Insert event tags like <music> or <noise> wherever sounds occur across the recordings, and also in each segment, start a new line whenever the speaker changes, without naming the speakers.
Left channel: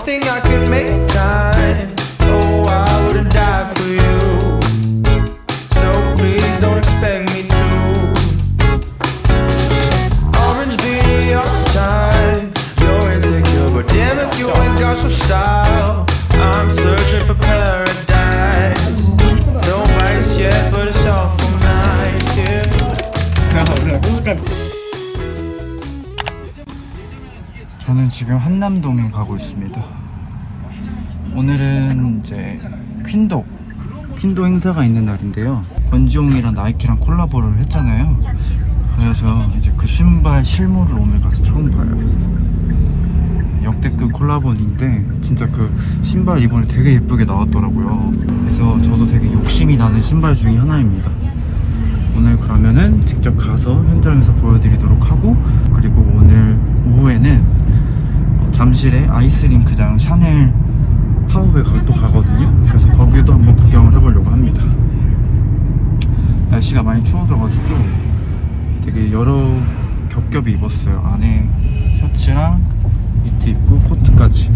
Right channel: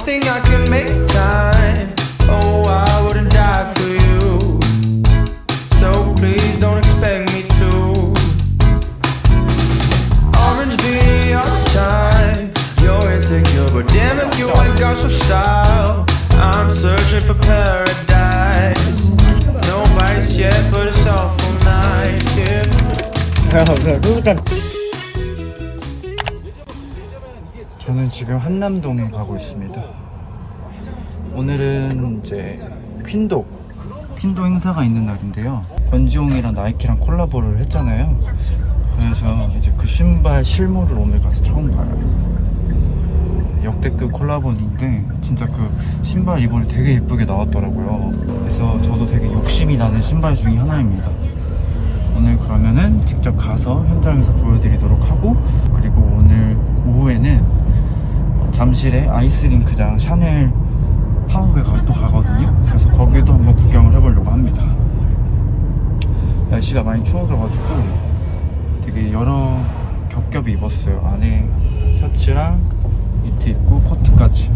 don't I can make time. Oh, I wouldn't die for you. So please don't expect me to. Orange time. You're insecure, but damn if you ain't got some style. I'm searching for paradise. No yet, but it's awful nice here.
저는 지금 한남동에 가고 있습니다. 오늘은 이제 퀸도 퀸도 행사가 있는 날인데요. 권지용이랑 나이키랑 콜라보를 했잖아요. 그래서 이제 그 신발 실물을 오늘 가서 처음 봐요. 역대급 콜라보인데 진짜 그 신발 이번에 되게 예쁘게 나왔더라고요. 그래서 저도 되게 욕심이 나는 신발 중에 하나입니다. 오늘 그러면은 직접 가서 현장에서 보여드리도록 하고 그리고 오늘 오후에는 어, 잠실의 아이스링크장 샤넬 파워에 가- 또 가거든요. 그래서 거기도 한번 구경을 해보려고 합니다. 날씨가 많이 추워져가지고 되게 여러 겹겹이 입었어요. 안에 셔츠랑 니트 입고 코트까지.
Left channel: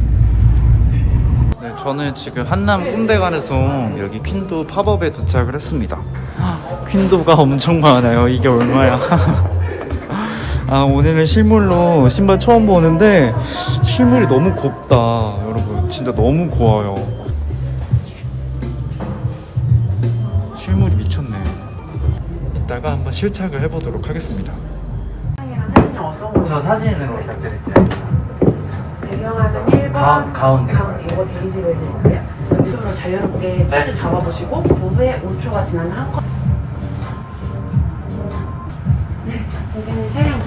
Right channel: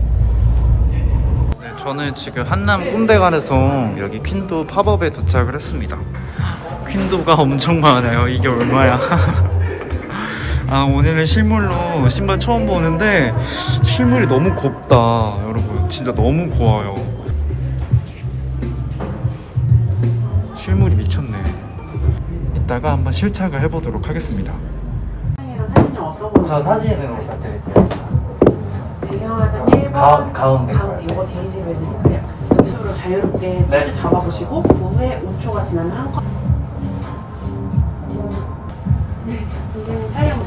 네, 저는 지금 한남 꼰대관에서 여기 퀸도 팝업에 도착을 했습니다. 퀸도가 엄청 많아요. 이게 얼마야? <laughs> 아, 오늘은 실물로 신발 처음 보는데 실물이 너무 곱다. 여러분, 진짜 너무 고와요. 실물이 미쳤네. 이따가 한번 실착을 해보도록 하겠습니다. 저 사진으로 부탁드릴게요.
배경화면 1번
가- 가운데 거요.
이거 데이지 웨딩인데요 여기서 자유롭게
네.
포즈 잡아보시고 그 후에 5초가 지나면 한 컷.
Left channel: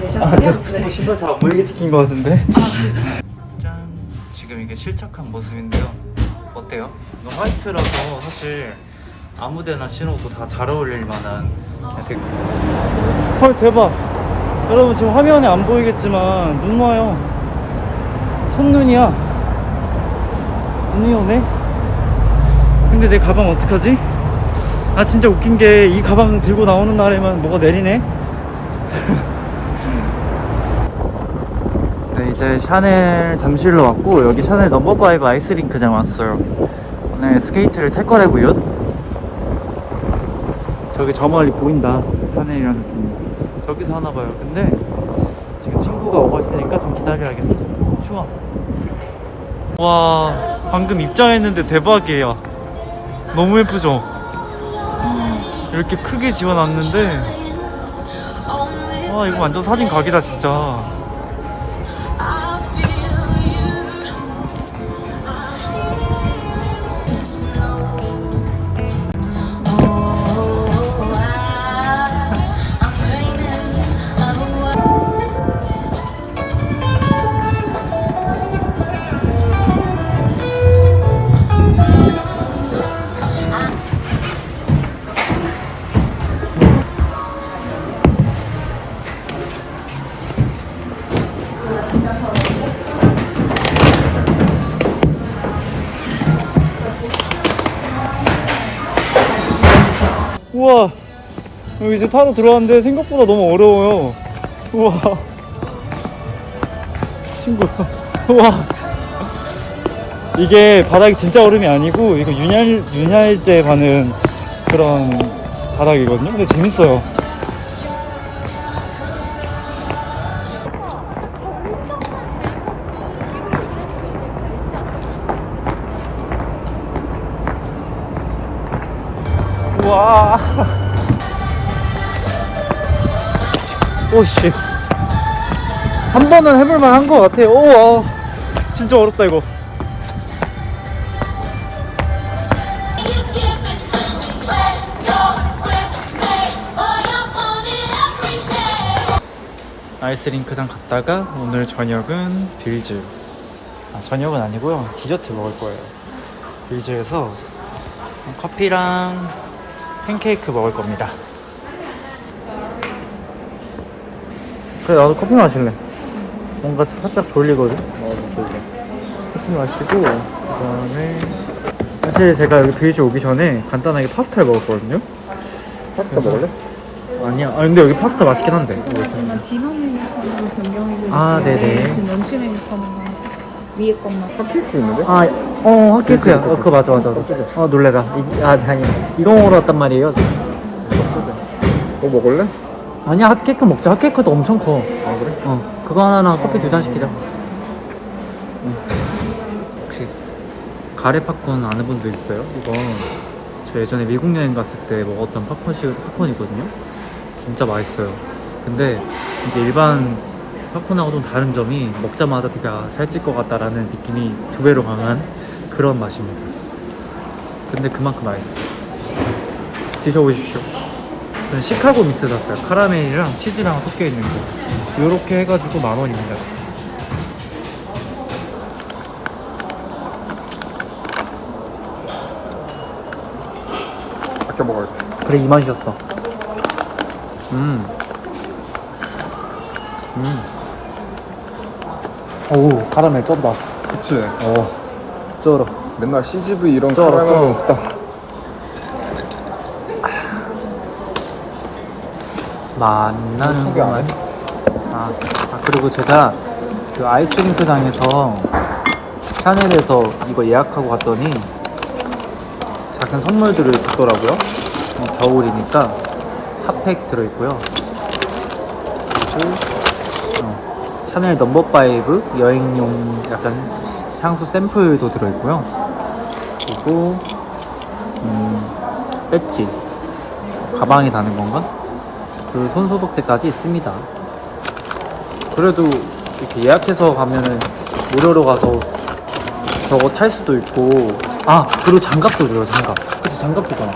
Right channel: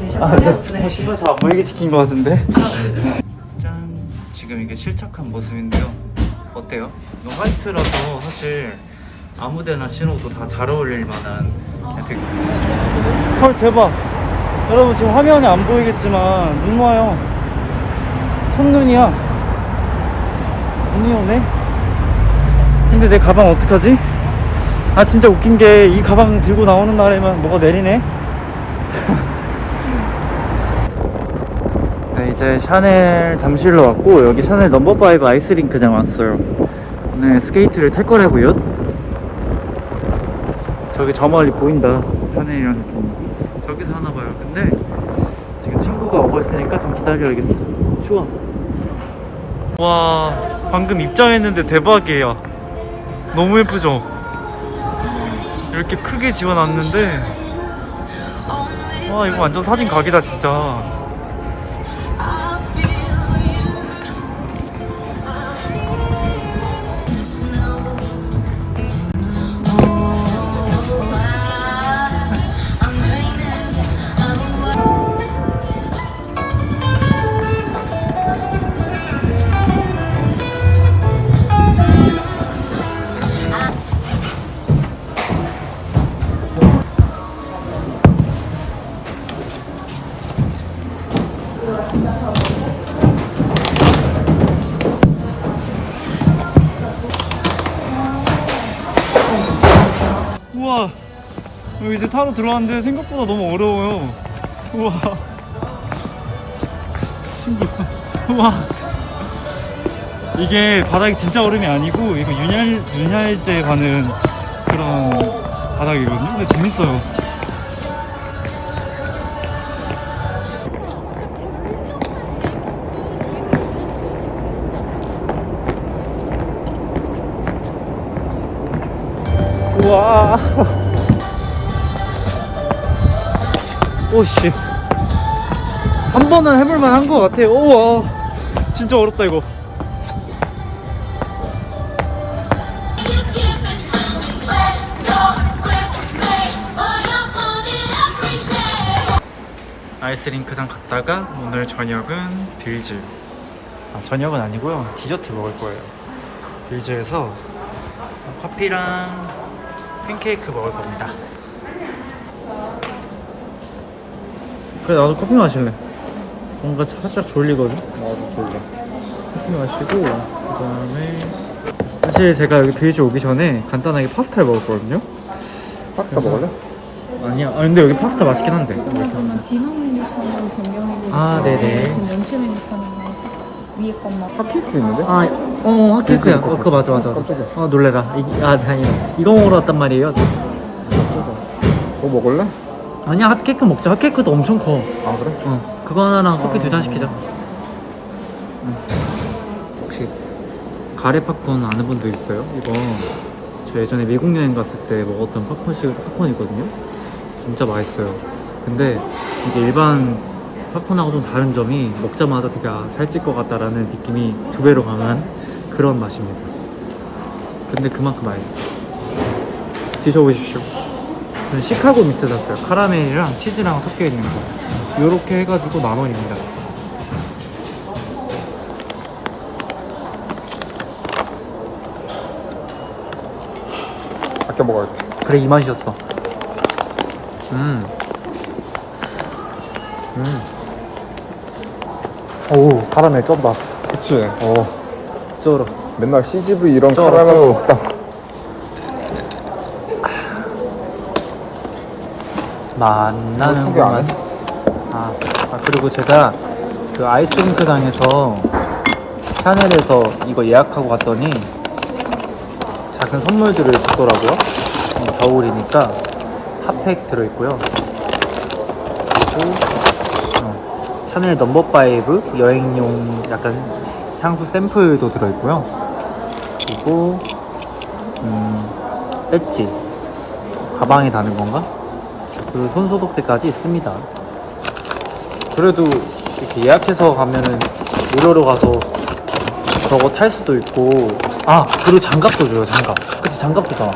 되셨나요?
네. 어, 신발 잘안 보이게 찍힌 것 같은데? 짠! 지금 이게 실착한 모습인데요. 어때요? 이거 화이트라서 사실 아무데나 신어도 다 잘 어울릴 만한 되게... 헐 대박! 여러분 지금 화면에 안 보이겠지만 눈 와요. 첫눈이야. 눈이 오네? 근데 내 가방 어떡하지? 아 진짜 웃긴 게 이 가방 들고 나오는 날에만 뭐가 내리네? <laughs> 네, 이제 샤넬 잠실로 왔고 여기 샤넬 넘버5 아이스링크장 왔어요. 오늘 스케이트를 탈 거라고요. 저기 저 멀리 보인다. 샤넬이라는 분. 저기서 하나 봐요. 근데 지금 친구가 오고 있으니까 좀 기다려야겠어. 추워. 와, 방금 입장했는데 대박이에요. 너무 예쁘죠? 이렇게 크게 지어놨는데 와 이거 완전 사진 각이다 진짜 우와 이제 타러 들어왔는데 생각보다 너무 어려워요. 우와. 신기해. 우와. 이게 바닥이 진짜 얼음이 아니고 이거 윤활, 윤활제 가는 그런 바닥이거든요. 근데 재밌어요 와. <laughs> 오씨. 한 번은 해볼만 한 것 같아요. 우와 진짜 어렵다 이거. 아이스링크장 갔다가 오늘 저녁은 빌즈. 아 저녁은 아니고요. 디저트 먹을 거예요. 빌즈에서 커피랑 팬케이크 먹을 겁니다. 그래 나도 커피 마실래. 뭔가 살짝 졸리거든. 나도 졸려. 커피 마시고 그다음에 사실 제가 여기 빌즈 오기 전에 간단하게 파스타를 먹었거든요. 파스타 먹을래? 아니야. 아 근데 여기 파스타 맛있긴 한데.
디너 메뉴 변경으로
아, 네네.
지금 런치 메뉴 파는 거 위에 것만.
핫케이크 있는데?
아, 어, 핫케이크야. 어, 그거 맞아, 맞아, 맞아. 어, 놀래라. 이, 아, 아니, 이거 먹으러 왔단 말이에요.
뭐 먹을래?
아니야, 핫케이크 먹자. 핫케이크도 엄청 커.
아 그래?
어, 그거 하나랑 커피 두 잔 시키자. 응. 혹시 가래 팝콘 아는 분들 있어요? 이거 저 예전에 미국 여행 갔을 때 먹었던 팝콘식 팝콘이거든요. 진짜 맛있어요. 근데 이게 일반 팝콘하고 좀 다른 점이 먹자마자 되게 아, 살찔 것 같다라는 느낌이 두 배로 강한 그런 맛입니다. 근데 그만큼 맛있어요. 드셔보십시오. 저는 시카고 믹스 샀어요. 카라멜이랑 치즈랑 섞여 있는 거. 요렇게 해가지고 만 원입니다.
이렇게 먹어야 돼.
그래 이 맛이었어. 음. 음. 오 카라멜 쩐다.
그치?
오 쩔어.
맨날 CGV 이런
쩔어,
카라멜
쩔어.
먹다.
만나는구만. 아, 아 그리고 제가 그 아이스링크장에서 샤넬에서 이거 예약하고 갔더니 작은 선물들을 주더라고요. 음, 겨울이니까 핫팩 들어있고요. 그리고 어, 샤넬 넘버 5 여행용 약간 향수 샘플도 들어있고요. 그리고 음, 배지. 가방에 다는 건가? 그 손소독제까지 있습니다. 그래도 이렇게 예약해서 가면은 무료로 가서 저거 탈 수도 있고. 아 그리고 장갑도 줘요 장갑. 그치 장갑 주잖아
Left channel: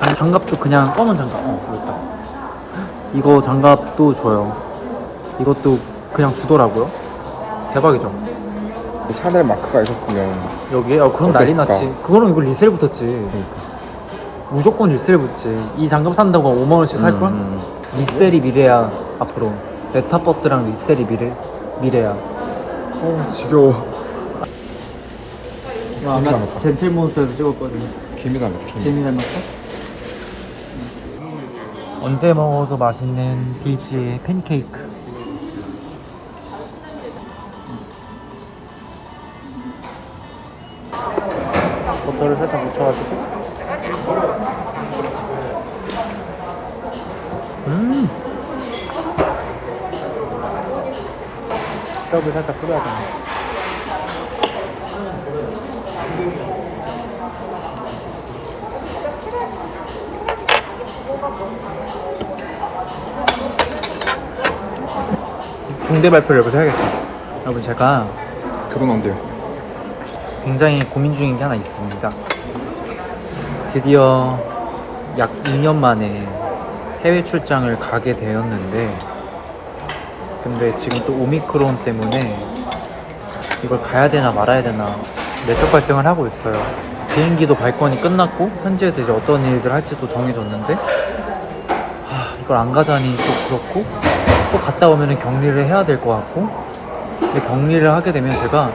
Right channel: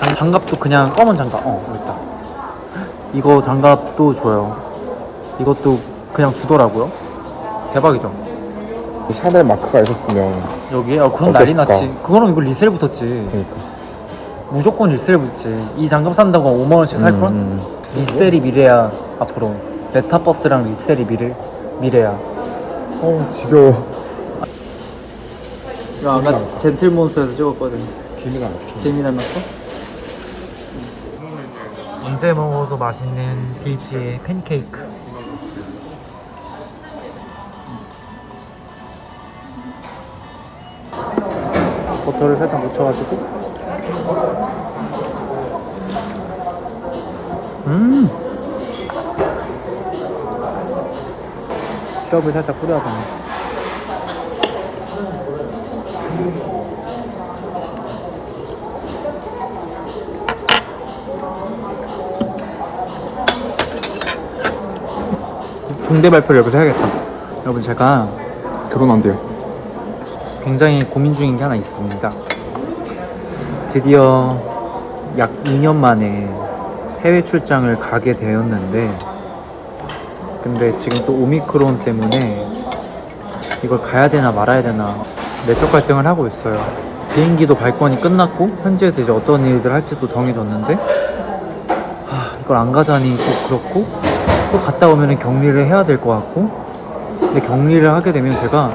장- 장갑도 그냥 검은 장갑. 어 있다. 이거 장갑도 줘요. 이것도 그냥 주더라고요. 대박이죠?
이 샤넬 마크가 있었으면
여기에 아 그럼 난리
어땠을까?
났지 그거는 이거 리셀 붙었지
그러니까.
무조건 리셀 붙지 이 장갑 산다고 5만 원씩 살 걸?
음,
리셀이 미래야 앞으로 메타버스랑 리셀이 미래 미래야
어, 지겨워.
이거 아까 젠틀몬스에서 찍었거든
닮았어.
재미 닮았어? 언제 먹어도 맛있는 비지의 팬케이크 버터를 살짝 묻혀가지고. 음! 시럽을 살짝 뿌려야 되네. 중대 발표를 여기서 해야겠다. 여러분 제가
결혼 안 돼요.
굉장히 고민 중인 게 하나 있습니다. 드디어 약 2년 만에 해외 출장을 가게 되었는데, 근데 지금 또 오미크론 때문에 이걸 가야 되나 말아야 되나 내적 갈등을 하고 있어요. 비행기도 발권이 끝났고, 현지에서 이제 어떤 일들 할지도 정해졌는데, 아, 이걸 안 가자니 또 그렇고, 또 갔다 오면 격리를 해야 될 것 같고, 근데 격리를 하게 되면 제가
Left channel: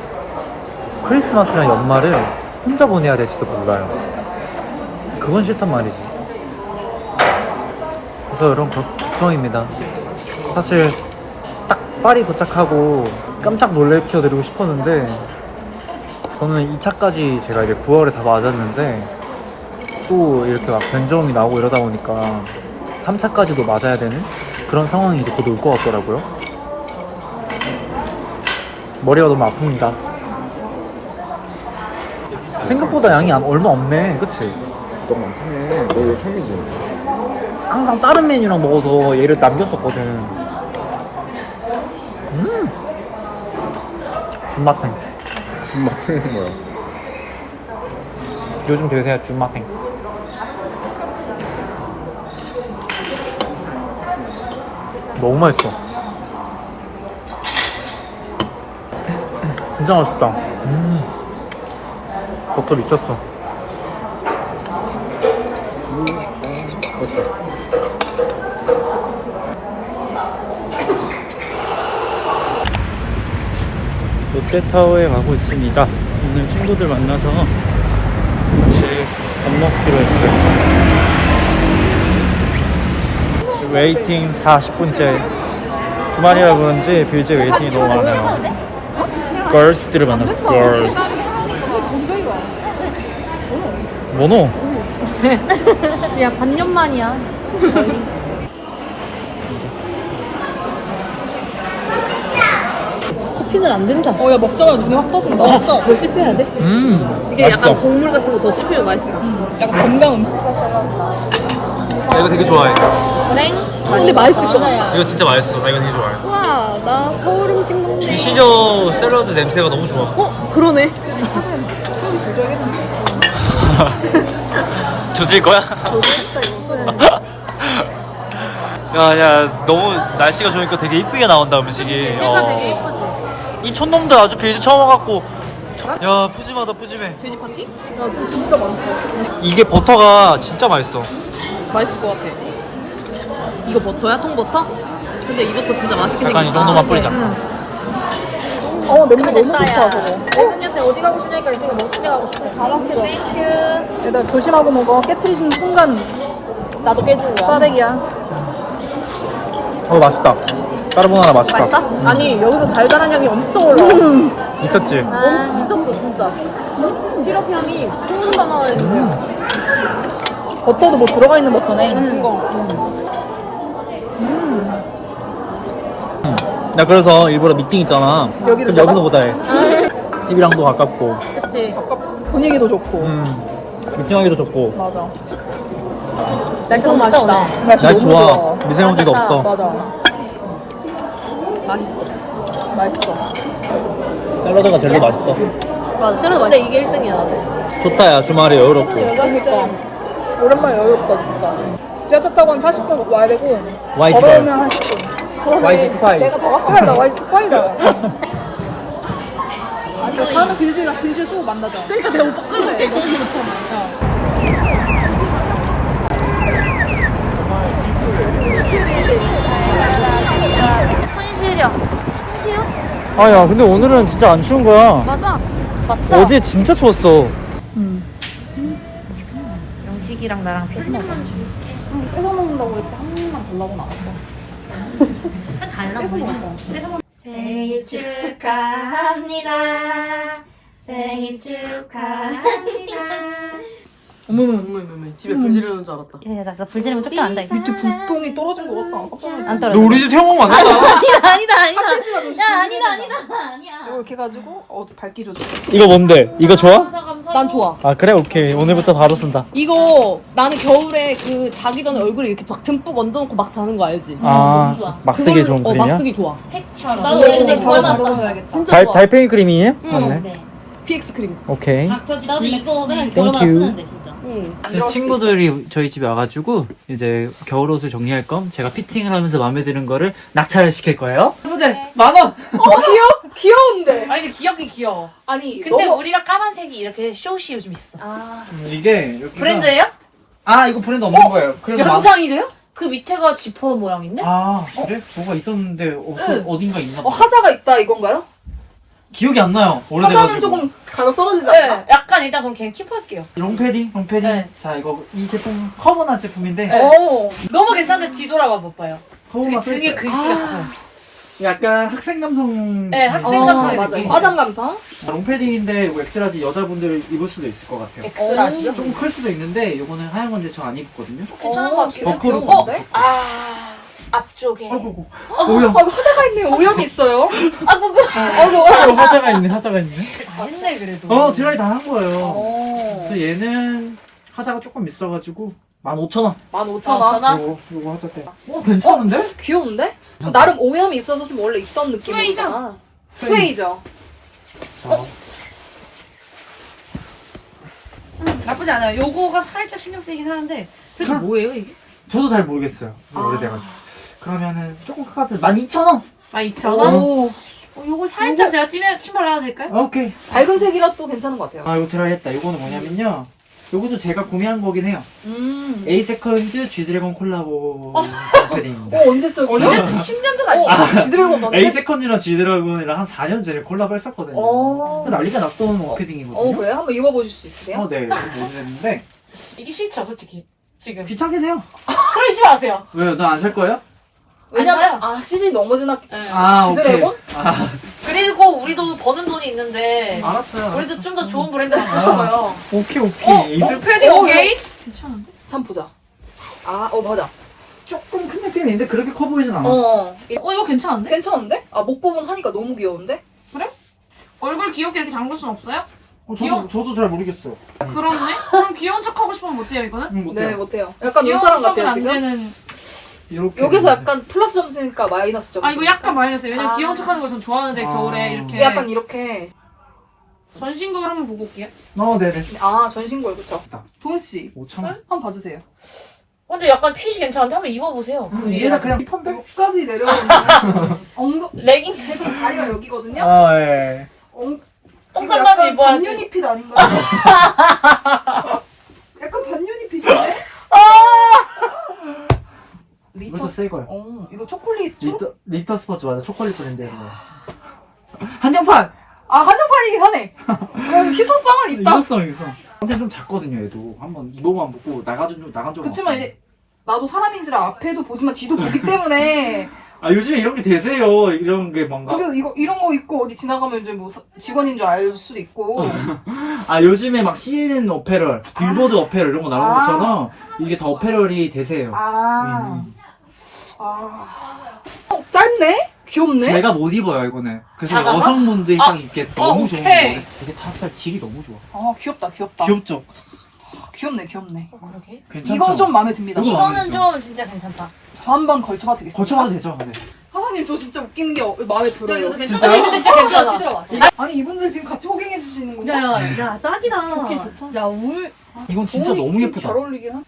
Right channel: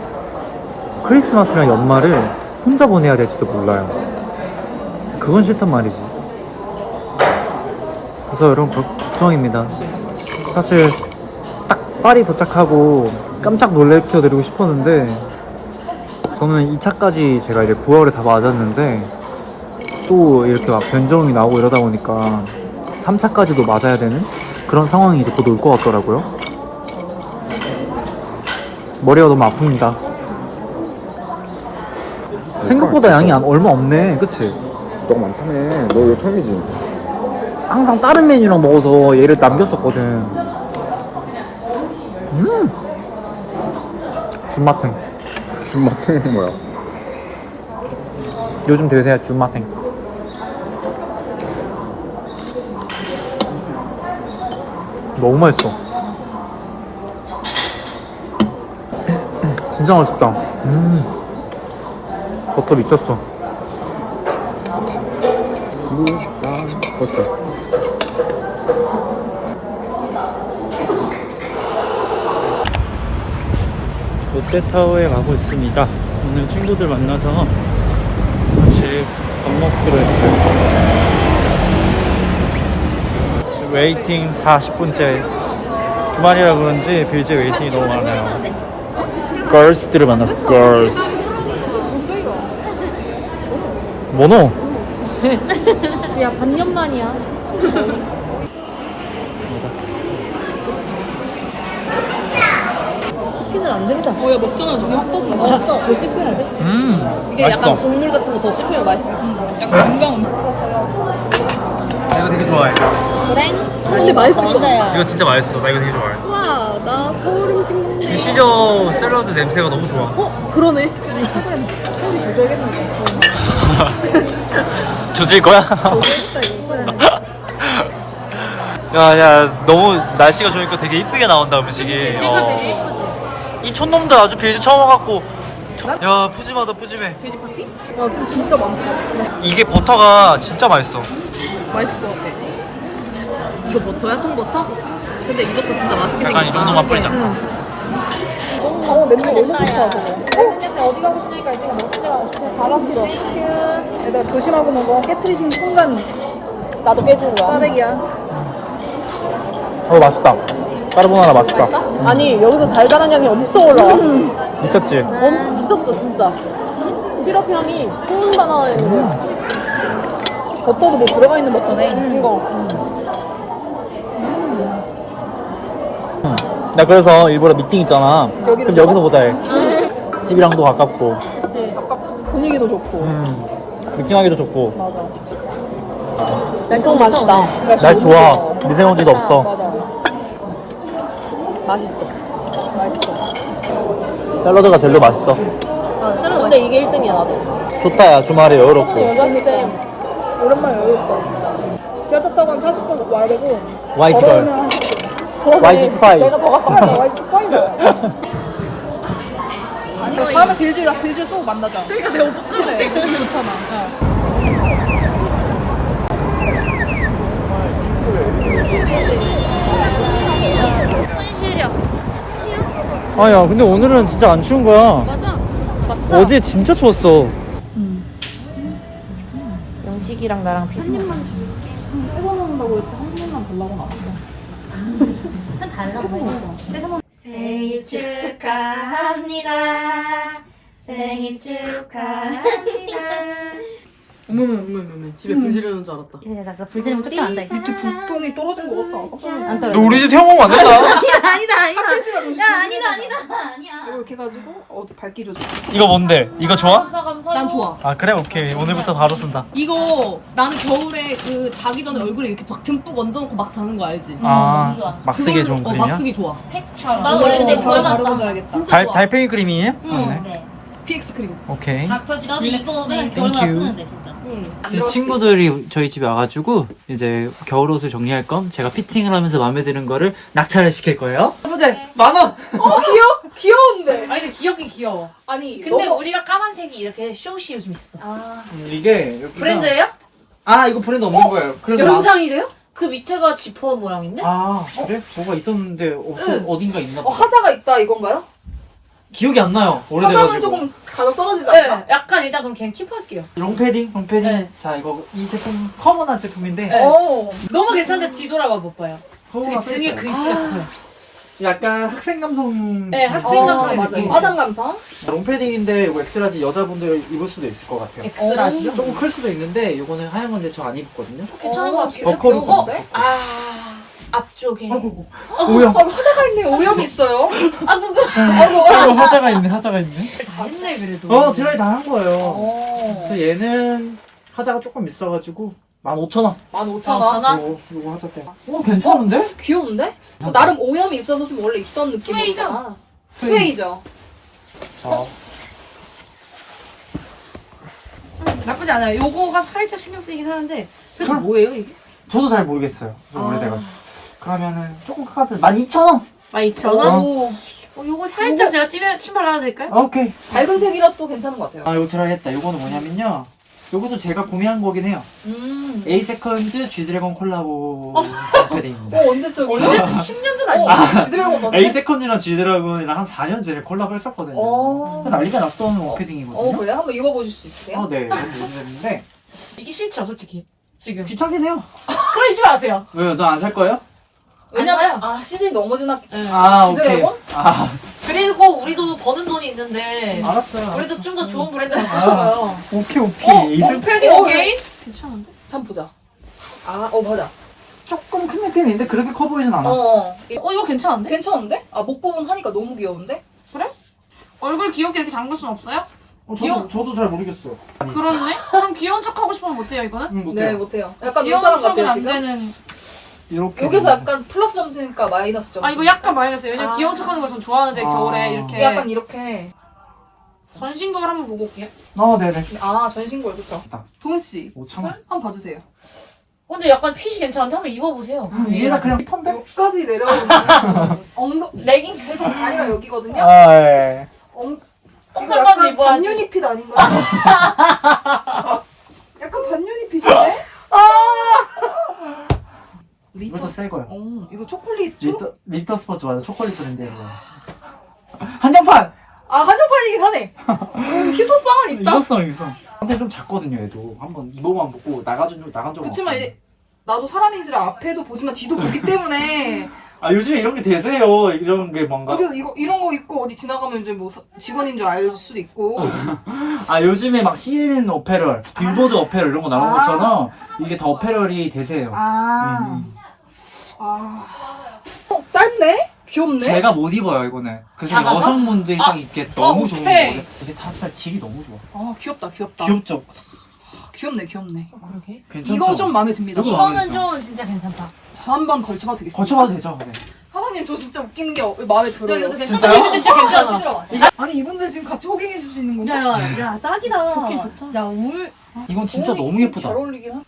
크리스마스랑 연말을 혼자 보내야 될지도 몰라요. 그건 싫단 말이지. 그래서 여러분 거- 걱정입니다. 사실 딱 파리 도착하고 깜짝 놀래켜 드리고 싶었는데 저는 2차까지 제가 이제 9월에 다 맞았는데 또 이렇게 막 변종이 나오고 이러다 보니까 3차까지도 맞아야 되는 그런 상황이 이제 곧 올 것 같더라고요. 머리가 너무 아픕니다. 생각보다 양이 안- 얼마 없네, 그치?
너무 많네. 너 이거 처음이지?
항상 다른 메뉴랑 먹어서 얘를 남겼었거든. 음! 준
마트는 뭐야?
요즘 대세야, 준마탱. 너무 맛있어. <clears throat> 진짜 맛있다. 음. 버터 미쳤어.
됐다.
롯데타워에 가고 있습니다. 오늘 친구들 만나서 같이 밥 먹기로 했어요. 웨이팅 40분째. 주말이라 그런지 빌제 웨이팅이 너무 많아요. 걸스들을 만났어 걸스 뭐노? <laughs>
야 반년 만이야. 커피는 안 된다.
어, 야, 먹자마자 눈이 확 떠진다.
더 씹혀야 돼?
음
이게
맛있어
약간 곡물 같은 거 더 씹히면 맛있어.
약간 건강.
나 이거 되게 좋아해
그래? 근데 맛있을 같아.
이거 진짜 맛있어 나 이거 되게 좋아해
우와, 나 서울 음식 먹네.
이 시저 샐러드 냄새가 너무 좋아
어? 그러네. <laughs>
조질 거야? <laughs> 야, 야, 너무 날씨가 좋으니까 되게 이쁘게 나온다 음식이.
해가
어.
되게 예쁘지?
이 촌놈들 아주 빌드 처음 와갖고. 야, 푸짐하다, 푸짐해.
돼지 파티? 와, 좀 진짜 많다.
이게 버터가 진짜 맛있어.
맛있을 것 같아. 이거 버터야? 통버터? 근데 이 버터 진짜 맛있게
약간 이
생겼어.
정도만 뿌리자.
응.
어, 냄새 너무 좋다, 저거.
근데 어디 가고 싶으니까 이제가 먹는 데 가고 싶어. 땡큐.
일단 조심하고 먹어. 깨뜨리는 순간.
나도 깨지는 거야. 싸대기야.
어, 맛있다. 까르보나라 맛있다.
아니, 여기서 달달한 향이 엄청 올라와.
미쳤지?
엄청 미쳤어, 진짜. 시럽 향이 뿜뿜 나와요.
버터도 뭐 들어가 있는 버터네.
나 그래서 일부러 미팅 있잖아. 그럼 여기서 보자 해. <laughs> 집이랑도 가깝고.
그치.
분위기도 좋고.
음. 미팅하기도 좋고.
엄청 맛있다.
날씨 좋아. 미세먼지도 없어. 샐러드가 제일 맛있어.
맞아, 근데 이게 1등이야.
좋다, 야. 주말에 여유롭고.
오랜만에 여유롭다, 진짜. 지하철 타고 한 40분 와야 되고.
YG걸. YG 스파이.
내가 더 가까이다, 와이스 스파이다. 다음에 빌즈라, 빌즈 또 만나자.
그러니까 내가 오빠 끊을 때 이거 괜찮아.
아, 야, 근데 오늘은 진짜 안 추운 거야.
맞아.
어제 진짜 추웠어.
영식이랑 나랑 비슷하다.
뺏어 먹는다고 했지, 한 입만 달라고 나갔다.
달라 보이니까.
생일 축하합니다. 생일 축하합니다.
어머머머머 집에 불 지르는 줄 알았다.
예, 나 불지르면 쫓겨난다.
밑에 불똥이 떨어진 것 같다. 깜짝.
안 떨어져.
우리 집 먹으면 안 된다.
아니다, 아니다. 야, 아니다, 아니다. 아니야.
이렇게 해가지고, 어, 밝기 조절.
이거 뭔데? 이거 좋아?
난 좋아.
아, 그래? 오케이. 오늘부터 바로 쓴다.
이거 나는 겨울에 그 자기 전에 얼굴에 이렇게 막 듬뿍 얹어놓고 막 자는 거 알지?
아, 막 쓰기 좋은
어, 막
크림이야?
쓰기 좋아.
나 원래 근데 그걸만 써.
바르어줘야겠다.
진짜
달,
좋아.
달팽이 크림이에요?
네.
PX 크림.
오케이.
나도 이거 맨날
you.
쓰는데, 진짜.
친구들이 저희 집에 와가지고 이제 겨울옷을 정리할 겸 제가 피팅을 하면서 마음에 드는 거를 낙찰을 시킬 거예요. 해보자. 만 원.
귀여운데?
아니, 근데 귀엽긴 귀여워.
아니,
근데 우리랑 까만색이 이렇게 쇼시 요즘 있어.
이게 여기가
브랜드예요?
아 이거 브랜드 없는 거예요. 그래서 만-
영상이래요? 그 밑에가 지퍼 모양인데?
아 그래? 뭐가 있었는데 없어 어딘가 있나
어,
봐.
하자가 있다, 이건가요?
기억이 안 나요. 오래돼가지고.
조금 가격 떨어지지 않나?
네, 약간 일단 그럼 걔는 킵할게요.
롱패딩, 롱패딩.
네.
자 이거 이 제품 커버난 제품인데
네.
어머.
너무 괜찮은데 뒤돌아봐 못 봐요.
커버가
등에 글씨가 커요.
약간 학생 감성.
네, 학생
어,
감성의
맞아. 화장 감성?
롱패딩인데 이거 엑스라지 여자분들 입을 수도 있을 것 같아요.
엑스라지요?
조금 클 수도 있는데 이거는 하얀 건데 저 안 입거든요.
괜찮은 것 같아요.
버커로.
어? 아 앞쪽에
아이고, 오염.
아, 화자가 있네. 오염이 있어요.
아구구
어, 화자가 있네, 화자가 있네.
다 했네 그래도.
어, 드라이 다 한 거예요. 그래서 얘는 하자가 조금 있어가지고 15,000원.
15,000원.
전화
요거, 요거 하자 때. 어, 괜찮은데?
귀여운데? 나름 오염이 있어서 좀 원래 있던 느낌.
스웨이죠?
스웨이죠.
자,
나쁘지 않아요. 요거가 살짝 신경 쓰이긴 하는데 도대체 뭐예요 이게?
저도 잘 모르겠어요. 이거 오래돼가지고. 그러면은 조금 크가도 12,000원.
12,000원?
오.
어, 요거 살짝 제가 찜해 침발라도 될까요?
오케이.
밝은 색이라 또 괜찮은 것 같아요.
아, 이거 드라이 했다. 요거는 뭐냐면요. 요것도 제가 구매한 거긴 해요.
음.
에이세컨즈 G드래곤 콜라보 패딩입니다.
어, 언제쯤? <laughs>
언제 10년 전 아니에요?
아, 지드래곤 언제? <laughs>
에이세컨즈랑 G드래곤이랑 한 4년 전에 콜라보 했었거든요.
어.
난리가 났던
어,
옷패딩이거든요.
그래? 한번 입어보실 수 있으세요?
어, 네. 너무 오래됐는데.
이게 싫죠 솔직히 지금.
귀찮긴 해요. <laughs>
그러지 마세요.
왜요? 너 안 살 거예요?
왜냐면, 아, 시즌이 너무 지났기
네.
아, 오케이.
지드래곤?
아,
그리고 그리고 우리도 버는 돈이 있는데
알았어요.
우리도 좀 더 좋은 브랜드 맞춰봐요.
오케이 오케이. 이슬
패딩
오케이.
잠 보자. 아, 어 맞아.
조금 큰 느낌인데 그렇게 커 보이진 않아.
어, 이-
어 이거 괜찮은데?
괜찮은데? 아, 목 부분 하니까 너무 귀여운데?
얼굴 귀엽게 이렇게 잠글 순 없어요?
어,
귀여워.
저도 잘 모르겠어.
그렇네? 그럼 귀여운 척 하고 싶으면 못해요 이거는?
음, 못해요.
네, 못해요. 약간 요
귀여운
사람
척은
같아요,
안
지금.
되는
이렇게.
여기서 약간 플러스 점수니까 마이너스 점수.
아 이거 약간 마이너스요 왜냐면
아.
귀여운 척 하는 거전 좋아하는데
아.
겨울에 이렇게
약간 이렇게.
전신거울 한번 보고 올게요
어, 네네.
아, 전신골, 그쵸?
동훈 씨
5천 원.
한번 봐주세요.
근데 약간 핏이 괜찮은데 한번 입어보세요.
위에다 그냥 힙한데?
목까지 내려오는 <laughs> 엉덩,
레깅
계속 다리가 여기거든요?
아, 예.
엉,
똥상까지
약간
입어야지.
반유니핏 아닌가요? <laughs> 약간 반유니핏인데?
이것도 새 거야.
어, 이거 초콜릿 초?
리터 리터 스포츠 맞아. 초콜릿 브랜드에서. 한정판.
아, 한정판이긴 하네. 이건 희소성은 있다.
이것성 이것성. 근데 좀 작거든요, 얘도. 한번 입어만 보고 나가준 적 나간 적
그치만
없어요.
이제 나도 사람인지라 앞에도 보지만 뒤도 보기 때문에 <laughs>
아 요즘에 이런 게 되세요. 이런 게 뭔가.
거기서 이거 이런 거 입고 어디 지나가면 이제 뭐 사- 직원인 줄 알 수도 있고 <laughs>
아 요즘에 막 CNN 어페럴, 빌보드 어페럴 이런 거 나오는
아.
것처럼 이게 다 어페럴이 되세요.
아,
음.
아. 어, 짧네? 귀엽네?
제가 못 입어요 이거는. 그래서
작아서?
여성분들이
아,
딱 입기에 너무 좋은
오케이.
이게 탑살 질이 너무 좋아.
아 귀엽다 귀엽다
귀엽죠?
아, 귀엽네 귀엽네
그러게.
괜찮죠?
이거 좀 마음에 듭니다
이거 마음에
이거는
들죠?
좀 진짜 괜찮다.
저 한 번 걸쳐봐도 되겠습니다
거쳐봐도 되죠? 네.
사장님 저 진짜 웃기는 게 어- 마음에 들어요
근데. 이거 근데 진짜 괜찮아. 들어와.
아니 이분들 지금 같이 호갱해 주시는 군요
야야 야 딱이다.
좋긴 좋다.
야 울.
이건 진짜 너무 예쁘다.
잘 어울리긴 하
아,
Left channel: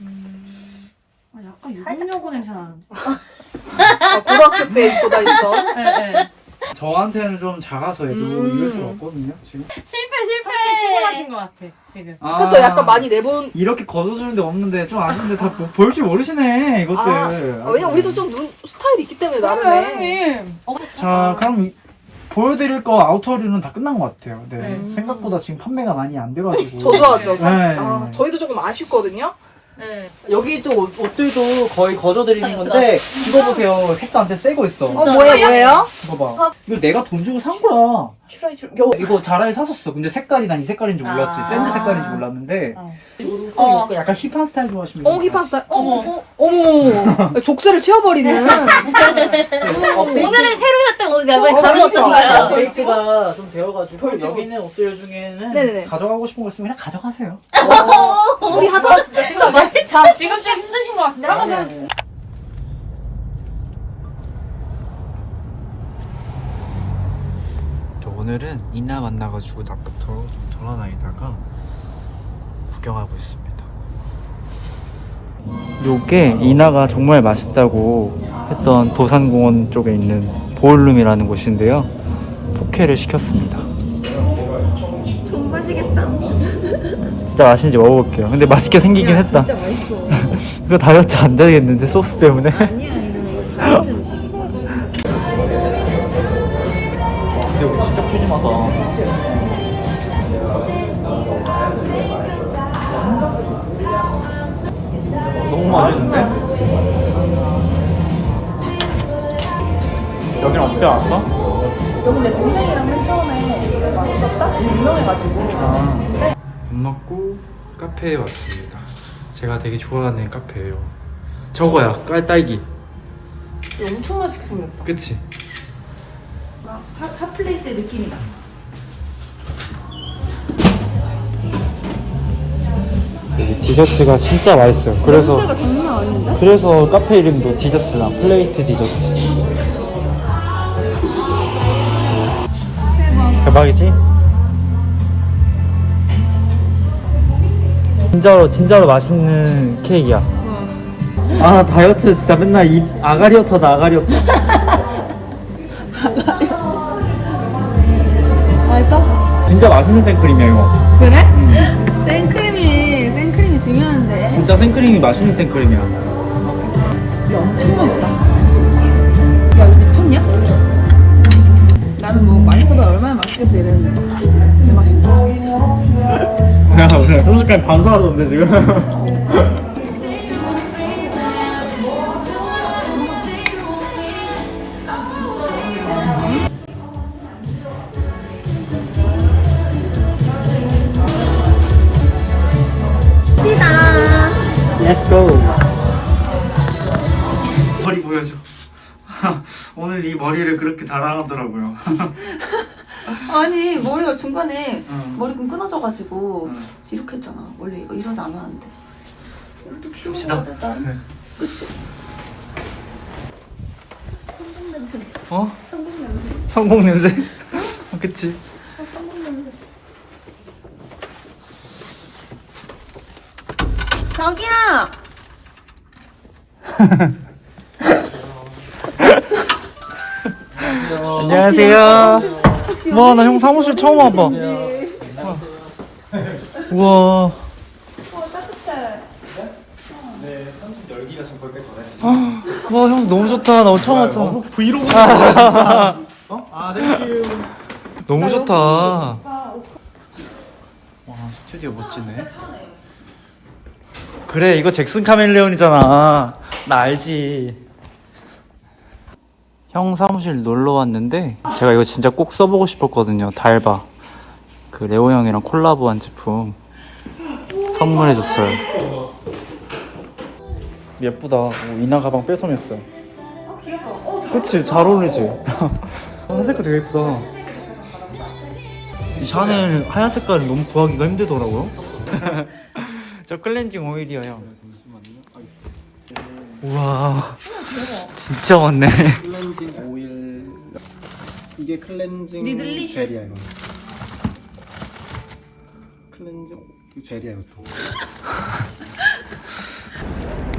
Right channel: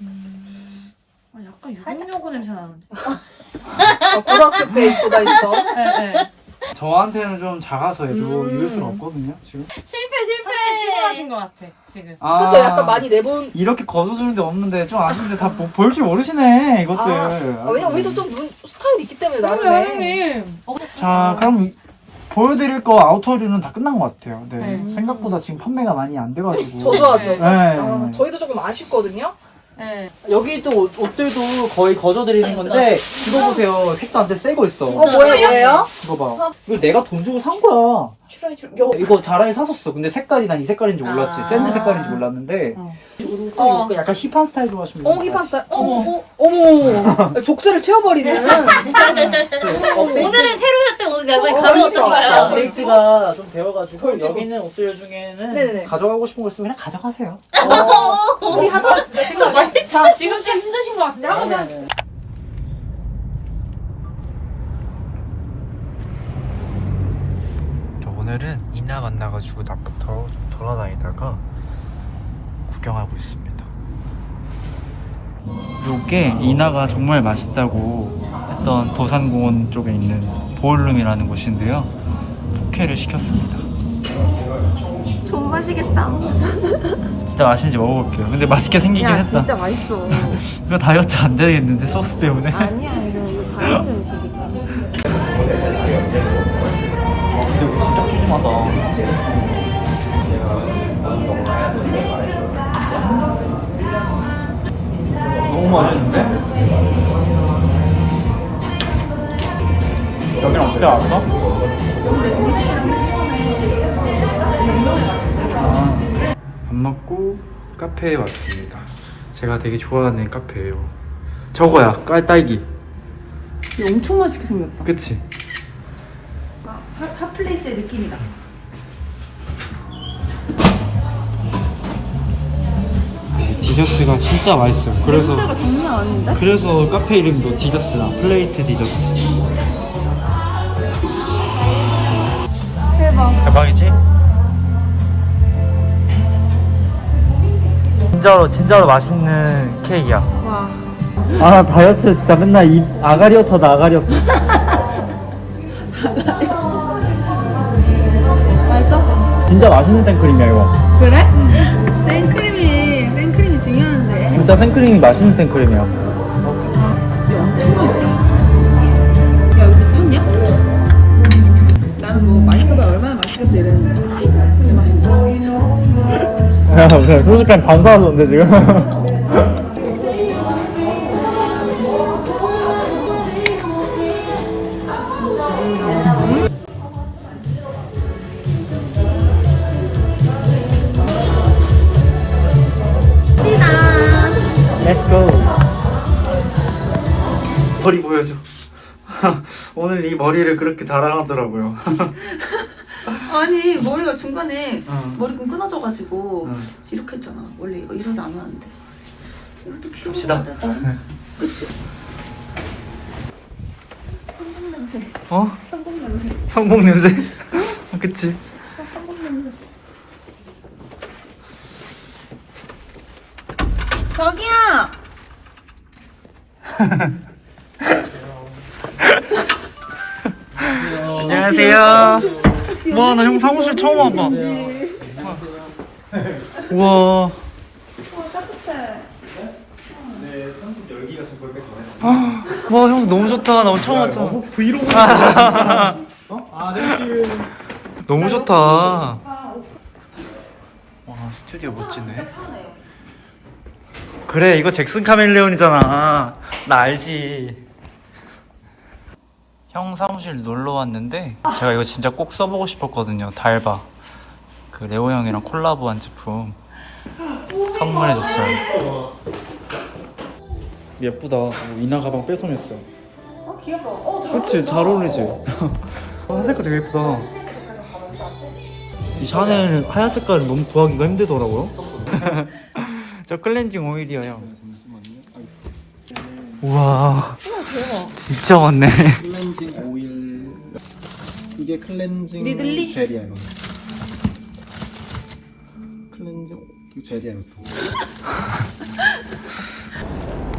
약간 유혹요고 냄새 나는데
아, 고등학교 때 입고 다니던
예예.
저한테는 좀 작아서 얘도
음.
입을 수가 없거든요 지금.
실패 실패.
피곤하신 것 같아 지금
아,
그쵸 약간 많이 내본
이렇게 걷어주는데 없는데 좀 아는데 다볼 줄 모르시네 이것들.
아, 아, 왜냐면 우리도 좀 눈 스타일이 있기 때문에 나중에
자 그럼 이- 보여드릴 거 아우터류는 다 끝난 것 같아요. 네. 생각보다 지금 판매가 많이 안 돼가지고.
저조하죠 사실
네.
저희도 조금 아쉽거든요
예.
여기 또 옷, 옷들도 거의 거저 드리는 건데 이거 보세요 색도 안돼 새거 있어.
뭐예요 뭐예요?
이거 봐. 이거 내가 돈 주고 산 거야.
추라이 추
이거 자라에 샀었어. 근데 색깔이 난 이 색깔인 줄 몰랐지.
아.
샌드 색깔인 줄 몰랐는데.
어.
또 약간 힙한 스타일 좋아하시면.
어 힙한 스타일
어,
어머
어,
어머 <laughs> 족쇄를 채워버리는
오늘은 새로 샀대 오늘 내가
어,
가격. 어떠신가요?
업데이트가 좀 되어가지고 여기는 옷들 중에는
네네네.
가져가고 싶은 거 있으면 그냥 가져가세요.
우리 하다가 진짜
자 지금 좀 힘드신 것 같은데
아니 아니. 오늘은 이나 만나가지고 낮부터 좀 돌아다니다가 구경하고 있습니다. 요게 이나가 정말 맛있다고 했던 도산공원 쪽에 있는 보울룸이라는 곳인데요. 포케를 시켰습니다.
좀 마시겠어. <laughs>
진짜 맛있는지 먹어볼게요. 근데 맛있게 생기긴
야
했다.
진짜 맛있어. <laughs>
이거 다이어트 안 되겠는데 소스 때문에.
아니야 이거 다이어트
푸짐하다. 너무 맛있는데? 여기는 어떻게 왔어? 아, 밥 먹고 카페에 왔습니다. 제가 되게 좋아하는 카페예요. 저거야, 깔딸기.
엄청 맛있게 생겼다
그치?
핫 플레이스의 느낌이다
디저트가 진짜 맛있어요. 그래서 그래서 카페 이름도 디저트나 플레이트 디저트. 대박이지? 진짜로 진짜로 맛있는 케이크야. 아 다이어트 진짜 맨날 이 아가리어터다 아가리어터. <laughs> 진짜 맛있는 생크림이야 이거.
그래? 생크림이 생크림이 중요한데.
진짜 생크림이 맛있는 생크림이야.
미쳤냐? 나는 뭐 맛있어봐 얼마나 맛있겠어 이랬는데. <laughs>
야, 오늘 소식감 반사하던데 지금. <laughs> 이 머리를 그렇게 자랑하더라고요. <laughs>
아니 머리가 중간에
응.
머리끈 끊어져가지고
응.
이렇게 했잖아. 원래 이거 이러지 않았는데. 이렇게.
봅시다.
그치?
어? 성공 냄새. 어, <laughs> 그치.
저기요. <laughs>
안녕하세요. 와, 나 형 사무실 처음 와봐. 우와. 아, 와, 형 너무 좋다. 나 오늘 처음 왔잖아. 브이로그 진짜. 어? 아, 땡큐. 너무 좋다. 와, 스튜디오 멋지네. 그래, 이거 잭슨 카멜레온이잖아. 나 알지. 형 사무실 놀러 왔는데 제가 이거 진짜 꼭 써보고 싶었거든요. 달바. 그 레오 형이랑 콜라보한 제품. 선물해줬어요. 예쁘다. 오, 이나 가방 뺏어냈어. 그치 잘 어울리지? 아, 색깔 되게 예쁘다. 이 샤넬 하얀 색깔은 너무 구하기가 힘들더라고요. <laughs> 저 클렌징 오일이에요 형 우와. 진짜 많네.
클렌징 오일. 이게 클렌징 젤이야 이거. 클렌징 젤이야 이것도.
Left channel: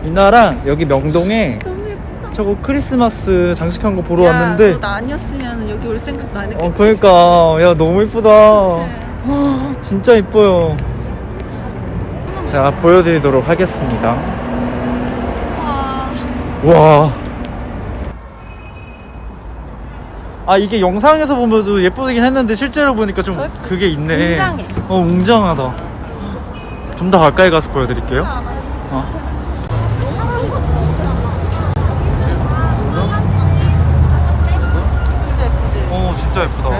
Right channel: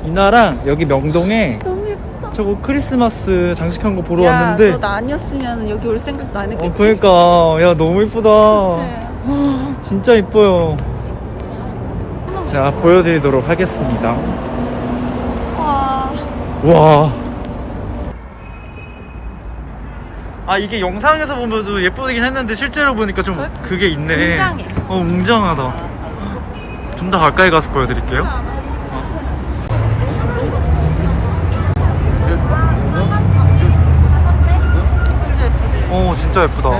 <laughs>
이나랑 여기 명동에 저거 크리스마스 장식한 거 보러 왔는데.
너 나 아니었으면 여기 올 생각도 안 했겠지.
어 그러니까. 야 너무 이쁘다. <gasps> 진짜 이뻐요. 자 보여드리도록 하겠습니다.
와.
와. 아 이게 영상에서 보면도 예쁘긴 했는데 실제로 보니까 좀 그게 있네. 어 웅장하다. 좀 더 가까이 가서 보여드릴게요. 어. 어 진짜 예쁘다.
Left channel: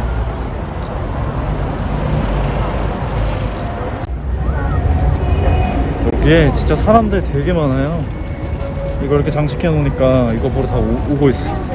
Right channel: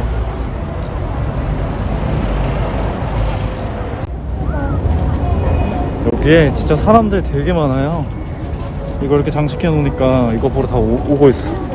여기에 진짜 사람들 되게 많아요. 이거 이렇게 장식해 놓으니까 이거 보러 다 오, 오고 있어.